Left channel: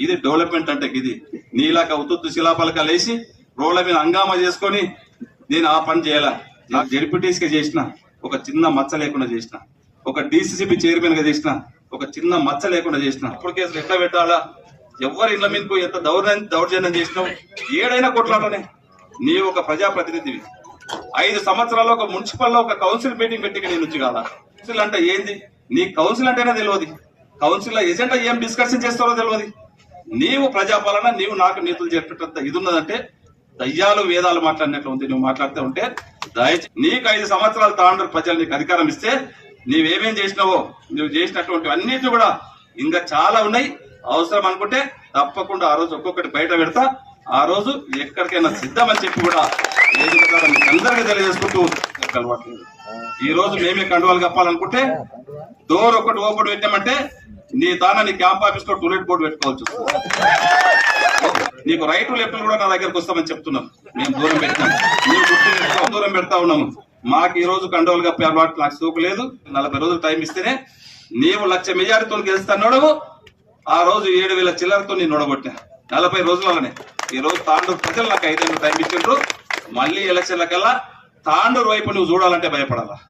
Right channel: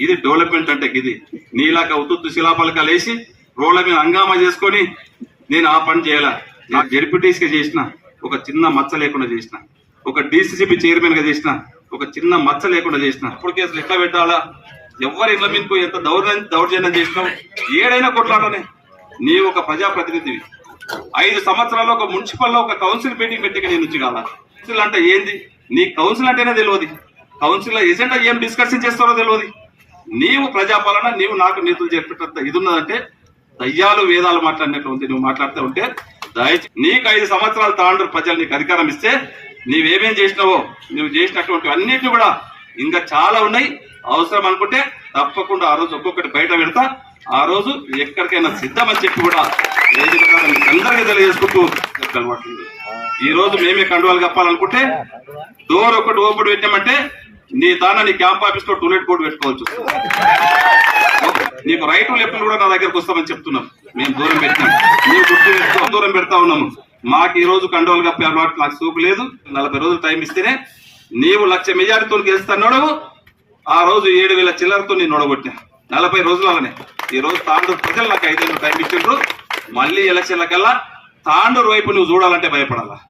ఇది డెవలప్మెంట్ అంటే ఇది. నీలాక ఉత్తుత్తు శిలాపలకాలు వేసి రోడ్ల మీద హంగామా చేసుకొని నేను ఆ పని చేయాలా. నా జడ్పీటీస్గా చేసిన ఒక చిన్న మచ్చ లేకుండా చేసిన ఒక డీసీసీబీ చైర్మన్గా చేసిన ఒక చిన్న మచ్చ లేకుండా చేసిన. అప్పుడు కేసులు ఎట్లా పెట్టాలా? ఎవరి ఇళ్ళ మీకు ఎంత దౌర్జన్యం దౌర్జన్యం చేసినావు? ఏడైనా కొట్లాడనే. నీవు ఒక ప్రజాప్రతినిధివి. ఐదు సంవత్సరాల్లో ఒక మున్సిపల్లో ఒక కౌన్సిల్ మీటింగ్ పెట్టి నేను నుంచి కాదా? కౌన్సిల్ అంటే ఏంది? నీ కౌన్సిల్ అంటేనే తెలియదు. కౌన్సిల్ ఎజెండా ఏం డిస్కషన్ చేస్తారో తెలియదు. నీవు ప్రజాపాలన నీవు నాకు నీతులు చెప్పేటంత ఇది ఉన్నదంటే దయ్యాలు వేదాలు మాట్లాడినట్లు ఉంది. నువ్వు మాట్లాడుతూ ఉంటే దయచేసి నీకు ఐదు సంవత్సరాలు తాండ్రు ప్రజలు నీకు అధికారం ఇస్తే నీవేమేం చేసినావో నువ్వు చేసినటువంటి అన్నిటి కూడా ఇంకా చాలా ఉన్నాయి. అవసరం అనుకుంటే తప్పకుండా ఆ రోజు ఒక్కొక్కటి బయట పెడతా. ఆ రోజు ఎక్కడికైనా సిద్ధమని చెప్పి కూడా అందరికీ తెలియజేసుకుంటూ అలవాట్లేదు ఈ రోజు మేమే కండువాలు కప్పాలనుకుంటే డోర్ ఒకటి ఓపెన్ పెట్టామంటే నీ దాన నీ క్యాంప్ ఆఫీస్లో టూలెట్ బోర్డు పెట్టుకోవచ్చు నీకు రైట్ లెఫ్ట్ కూడా నా దగ్గరకు వస్తామని చెప్తున్నాం. మేము దూరం పెట్టాం నీవు గుర్తు దూరం పెడతా ఉన్నాము. మాకు ఈ రోజు కండోలు కప్పే అలవాటు నాకు సూపు లేదు. నలభై రోజులు టైం ఇస్తేనే నీవు లక్ష మెజారిటీతో గెలుస్తున్నాడు ఆ రోజు ఏడు వేల చిల్లరతో నేను నొడగొట్టా నలభై రోజులనే ఈ రోజు తాండూరు ప్రజలు నాకు ఐదేళ్ళు టైం ఇచ్చిండ్రు. మళ్ళీ ఎలక్షన్ల కల్లా తాండూరు వైపు నువ్వు చూడాలంటే భయపడాలా?